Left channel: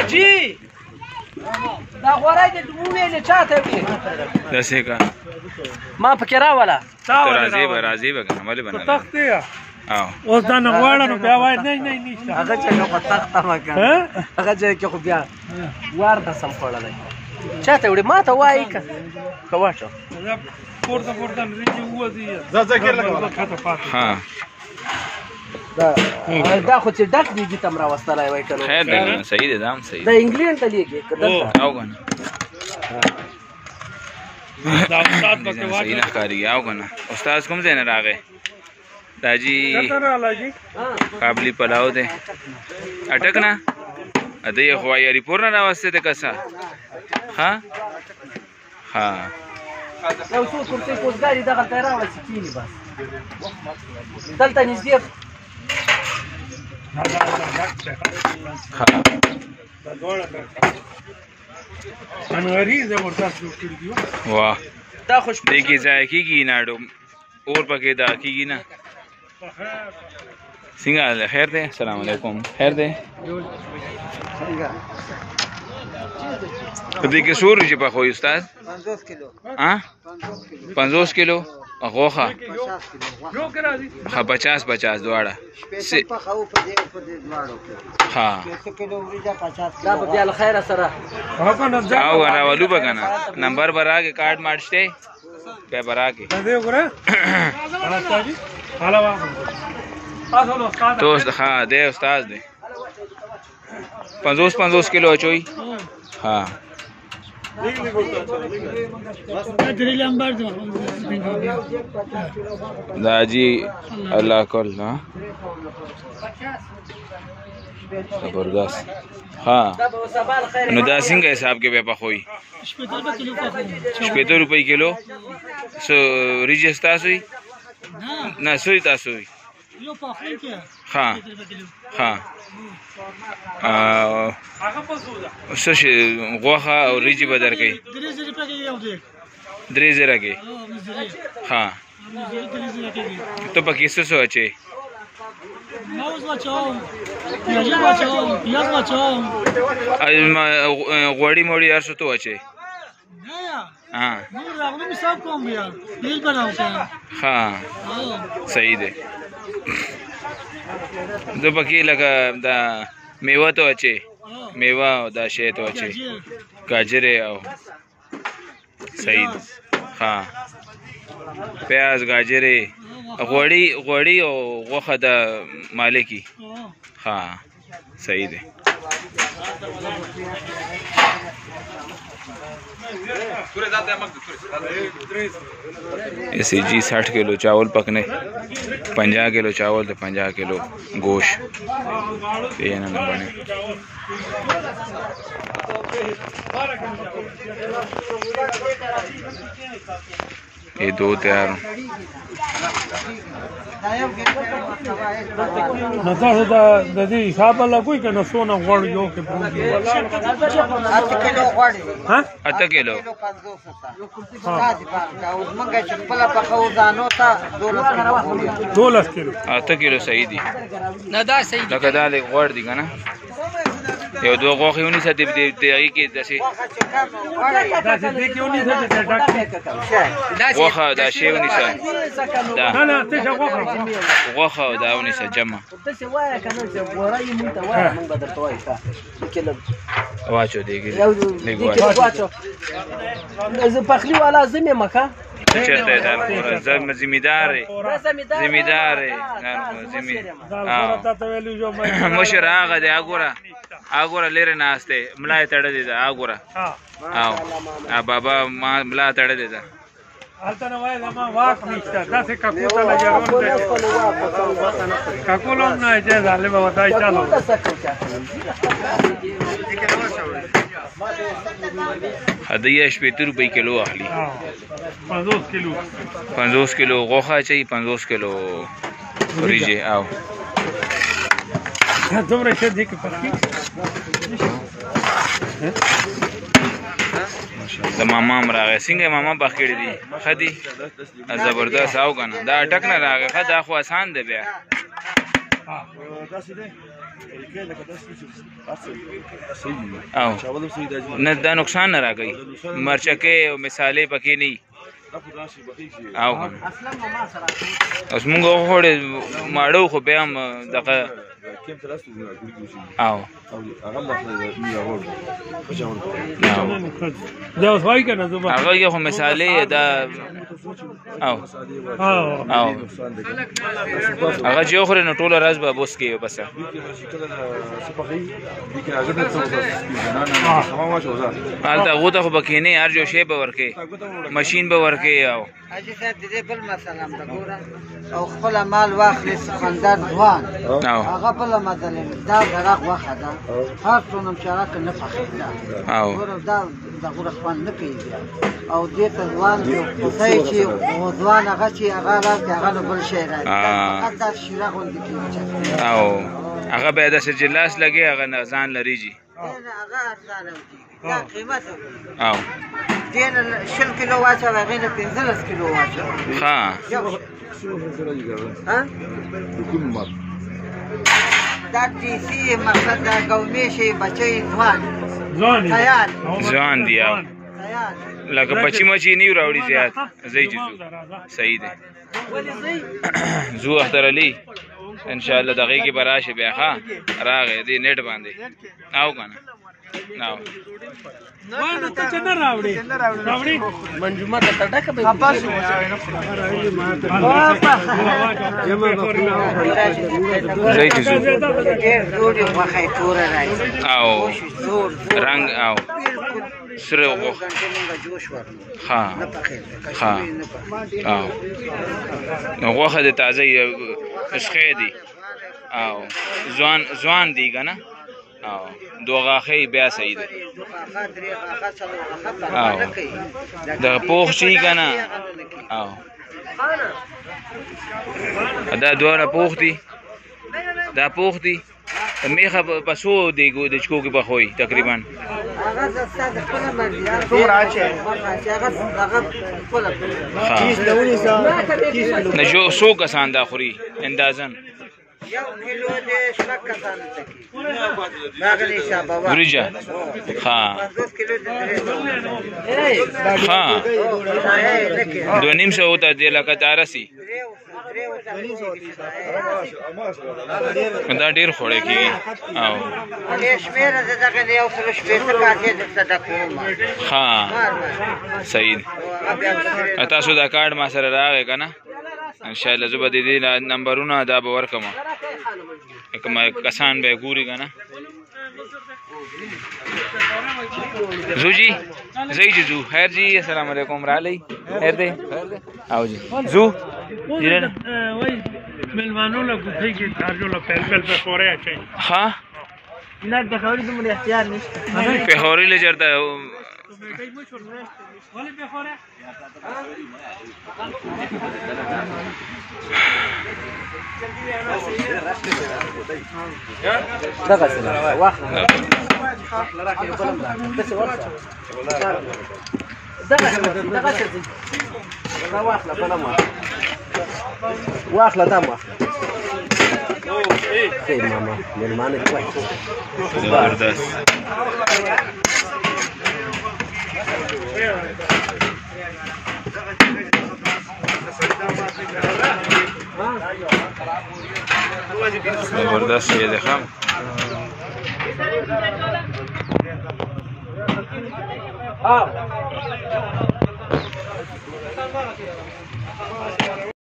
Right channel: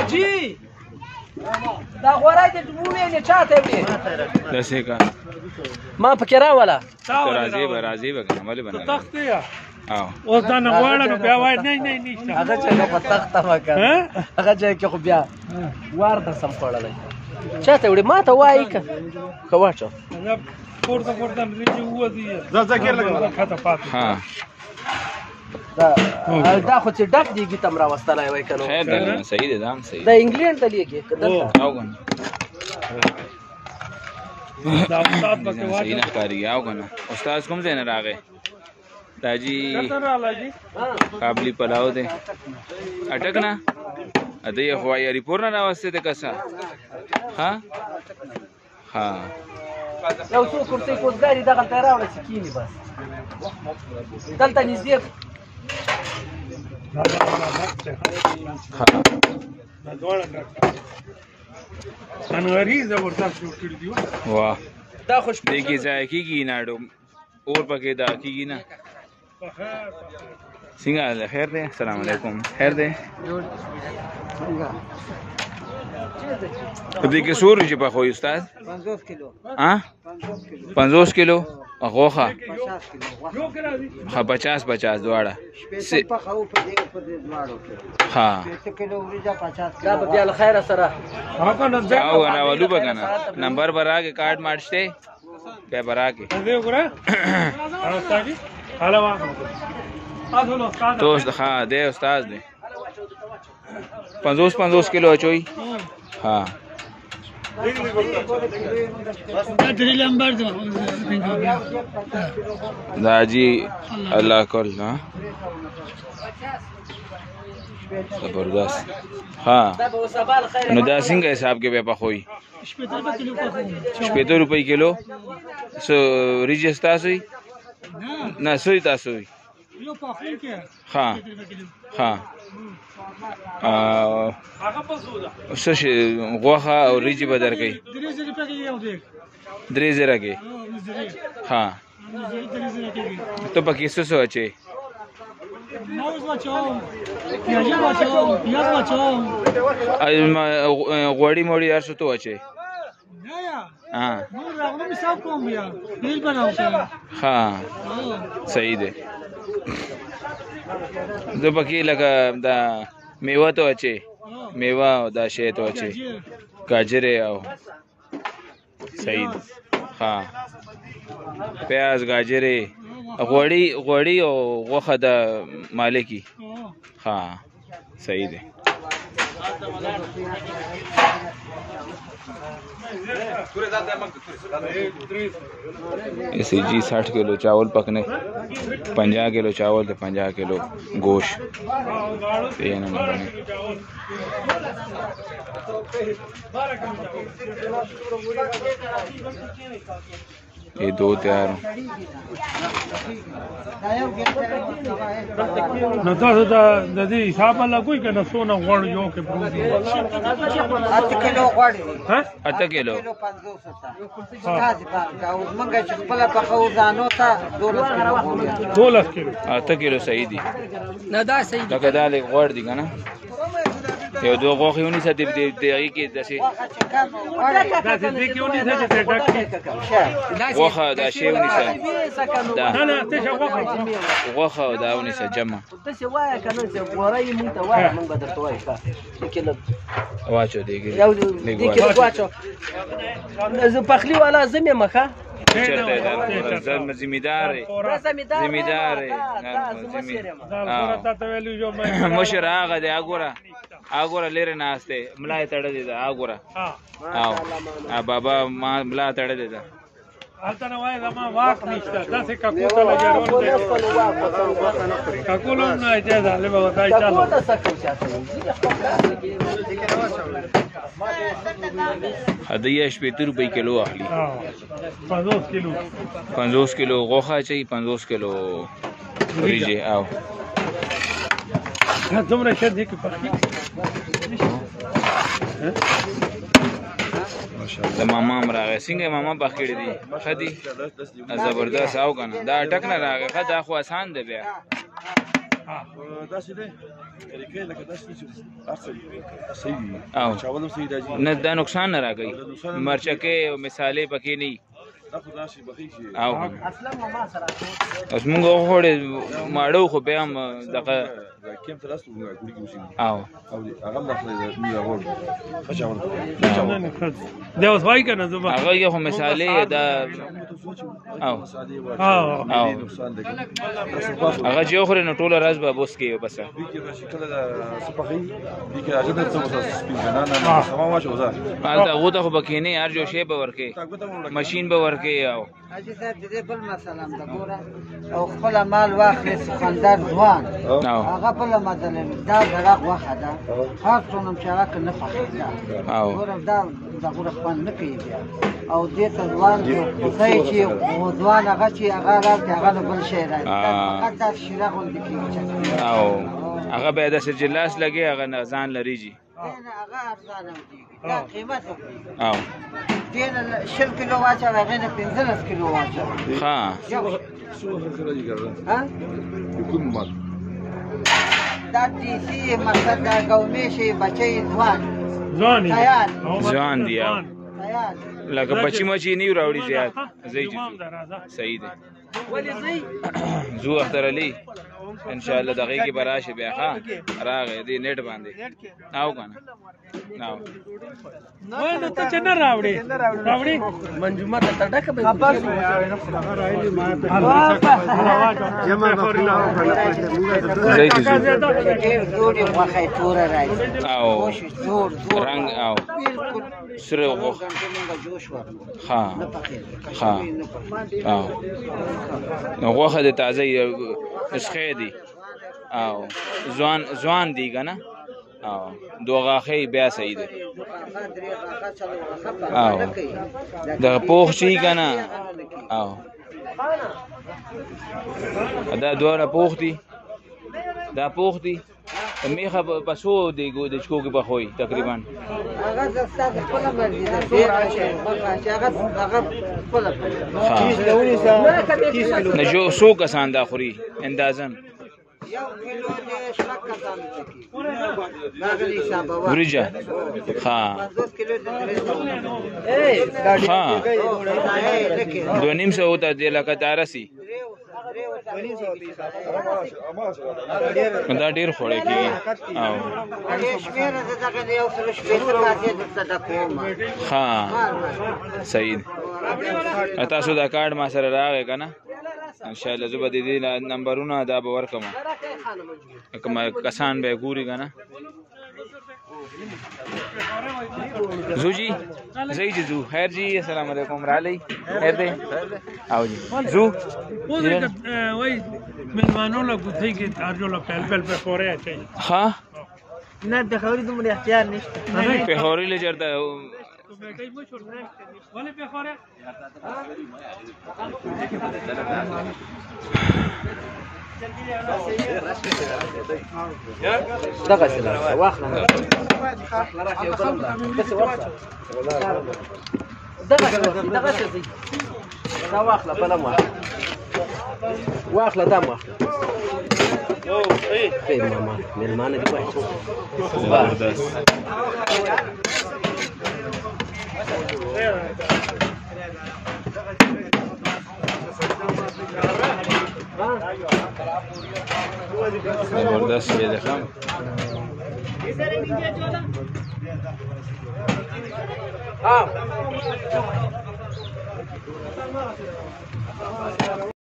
اجي دا غوړای د وویل چاته وي داسې کا ما پکې راولا راځي به کنه ولې بنا تخت دی او اوس دا نه غواړه نو بیا وای نه نه نشته هغه چې په تخت ما کړ هغه چې خو بیا وار د سم خوړلای چاته وړي ما ته وای که واچو پورته دې وځي ځکه لګا خاطه پاتې ها دا خو چې ډک دیږي تم راوستلای وای کنه خیر دی صحیح دی دام صحیح دا انګلند ته لیږي او کنه دا استاد پکې واچ صحیح نه کاری او کنه استاد کوم ځای نه راغی داجی قابلی پلاو دے اٹک نا ادھے یہ خواہ یاری پورنا راوستے دے کسا ہاں ہاں یو څو کرسي کوزګاری دغه ته راوړل سکینی بس دلته نږدې انواری زبردست جوړ کړی دی واہ دا خوش دیکھیے ځای کیږي ناډو اور پکې دا کیږي نه څنګه خیر دی السلام علیکم خیر دی په دې کې سور چې په خو استاد 50 کیلو ها 50 کیلو غوخه یو کرا دي 50 دواړه سپیشل په خو په دې دواړو کې ها 100 کیلو وريجا 50 دا په بیا خیر سره هغه نه ځه او راولو بکنه نمبر براګه کارت مارشته به براګه دې وګوره راځي حالا وا تاسو نو استاد دوست ها دې استاد دې 50 کیلو اچوي ها دا جی الله کول ها زبردست ها نو دا څنګه حساب کې به پخوي 70 روپۍ کیلو سو ریجستا سوی نه سوی تاسو یو په خپل کې ها ها هغه په سودا څه شي غوخه او ریجی بدر کوي 3000 روپے کې یو دی 3000 کې ها ته پکې څه سوچې موز واچوم پیاز واچوم غوړی موړی هر څه ته واچې ها نو راغلم حساب کوم بیا بیل بناو کنه ها صحیح دی زه پکې لکه دا میوه ته واچې میوه او دا شی ته واچې گاجر او صحیح دی ها پیاز گاجر غوړی او غوخه د مالکی ها صحیح دی ایسی جی 60 کیلو چاول پکنے 50 کیلو چاول تو 50 کیلو گوشت یہ نہ بنے یہ دو تیار نو تاسو دا د دې حساب الله کوئی کنه سونه غوړ یو کې پروژه 8 کیلو غوړي ها 8 کیلو 500 او منګه چې خپل په خو ځانو ته 12 کیلو 8 کیلو صحیح دي نه دا صحیح لکه دا لږ غوړ دي کنه یو دو غوښې ونی ساتي دې کې داسې دا دې کې ونی څه چې ډاکټر غوښه دا شی ونی ساتي دا نه ته غوښه دا ونی ساتي جمع څه وای کنه چې غوړای مونږ ته وای مونږ به درته وای ښه کله واچو دې کې واچو زه پخلی والا زمې مخه چرته دا زمیدار مشر هغه دی اګوره لري ناشته ملای تړلې ده اګوره او بابا ما ملا تړلې ده البته نو وای ما واک نشته داسې کاکوته لګیارون کاکولم نه اجازه له ما وتاي چالو هدیه 70 روپۍ کیلو اخلي 50 کیلو غوښه چي 50 کیلو ریجه او دومره شه دي کې پخې د ماما راغی څنګه ماما بخېړې دي خدي زبردست او کنه دا ټک نه راغی خدا خو آسان دی بیا او نه دا نقصان نه راکوي مرچکې او مثالې پکې نه وي او اوس مونږ وخوړې ماړه خو بیا هم دغه او دا اوس وایي که نه زه به هغه یې خو مثالې دا او او هغه چې وخورې نو ټوله ورځ به بوس کوي بس هلته هغو ته خو به کښېنې هر جو شی به ورکوې مشین به ورکوې او حاجي صاحب د دې بل مسله هم ده ګوره او خپله مال واخلې سخندر ځوان هغه بله مسله دا د هغه غوښه ده هر څومره چې هغه که نه پخېږي ګوره دا ګوره خوند نه کوي بیا او دې ته ځوان خدای چې ځوان هغه چې هغه راځي هغه نه بل شی راځي فقط دا شیره غوندې کېږي او هغه بیا داسې چې لاس لګې هغه نه ځان لرېږي هغه ارزانه کېږي دا قیمت او دې نه 20 کیلو واچوه هغې نه 15 کیلو واچوه ښه دا دیسی مقصد دا قومي شي بچی ځوان ځوان دي او لکه بچی مچی نه راوړي زیات ځای چې ځو صحیح دی ځو اختر علي ان شاء الله دغه کې به راشي بیا ښه راغی دې نیټ باندې او که نه او نو ته چې نه راوړې منجومه ته ډکه به ځای کې ځو ډېرې غوښه توره راځي او رنګ او سره غوښه ښه ښه او نو غوښه د تازه اسخې دي او ځوان دي که نه او دو غاښې بیا صحیح دی او دغه پوخ شي که نه او دا دواړه پوخ دي دا پوخ دي میخه په څو دیګو د چکو کې پخوي تقریبا نه جو څو کسان دا خوري اندازن وریجه ښه ښه 2.5 ته دی لکه تارسي دا ډېر خوړی کېږي او ښه صحیح دی تاسو دا کارډ ما سره راغی که نه انشاءالله زه به د دې نمبرونه دا به ورکړم کوم کسان به یې ګوري که نه زو جی زئی جی زو خیر جی السلام علیکم رالی خیر دی او جی زو وای ملمانو له ګوتې کې تارجو له پهل په پورې اچي ها نه د خوري دومره احتیاط نشته په خوري له جرته ولی په خوره دغه څه واخله راکې بلم بس دغه څه دا واخله بلم واخله دا واخله خیر ماما مېلمانه دي زبردست زبردست یې ده ښه